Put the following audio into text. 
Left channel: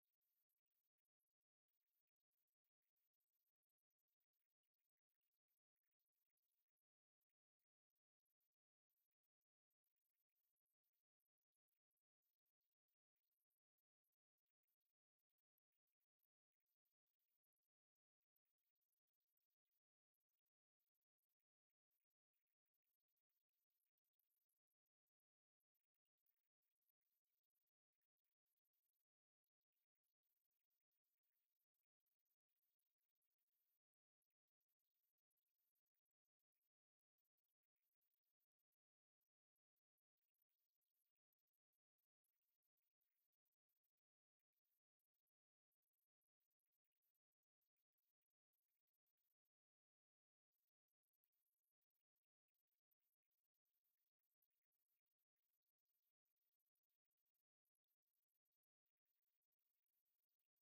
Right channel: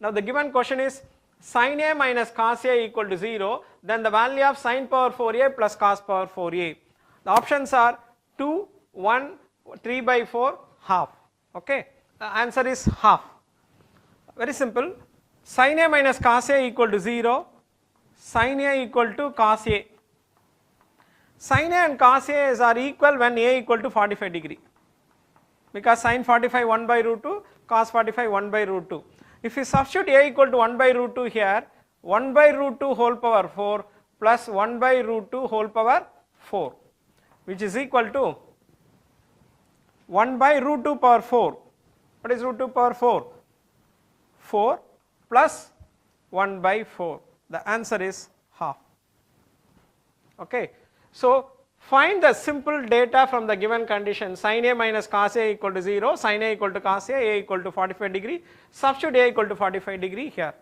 Now the given question is sin A minus cos A equal to 0, then the value of sin power 4A plus cos power 4A. The options are 2, 1, 3 by 4, half. Okay, the answer is half. Very simple. Sin A minus cos A equal to 0, sin A equal to cos A. Sin A and cos A are equal when A equal to 45 degree, because sin 45 1 by root 2, cos 45 1 by root 2. If you substitute A equal to 1 by root 2 here, 1 by root 2 whole power 4 plus 1 by root 2 whole power 4, which is equal to 1 by root 2 power 4. What is root 2 power 4? 4 plus 1 by 4. The answer is half. Okay. So find the simple data from the given condition: sin A minus cos A equal to 0, sin A equal to cos A equal to 45 degree, substitute A equal to 45 degree here.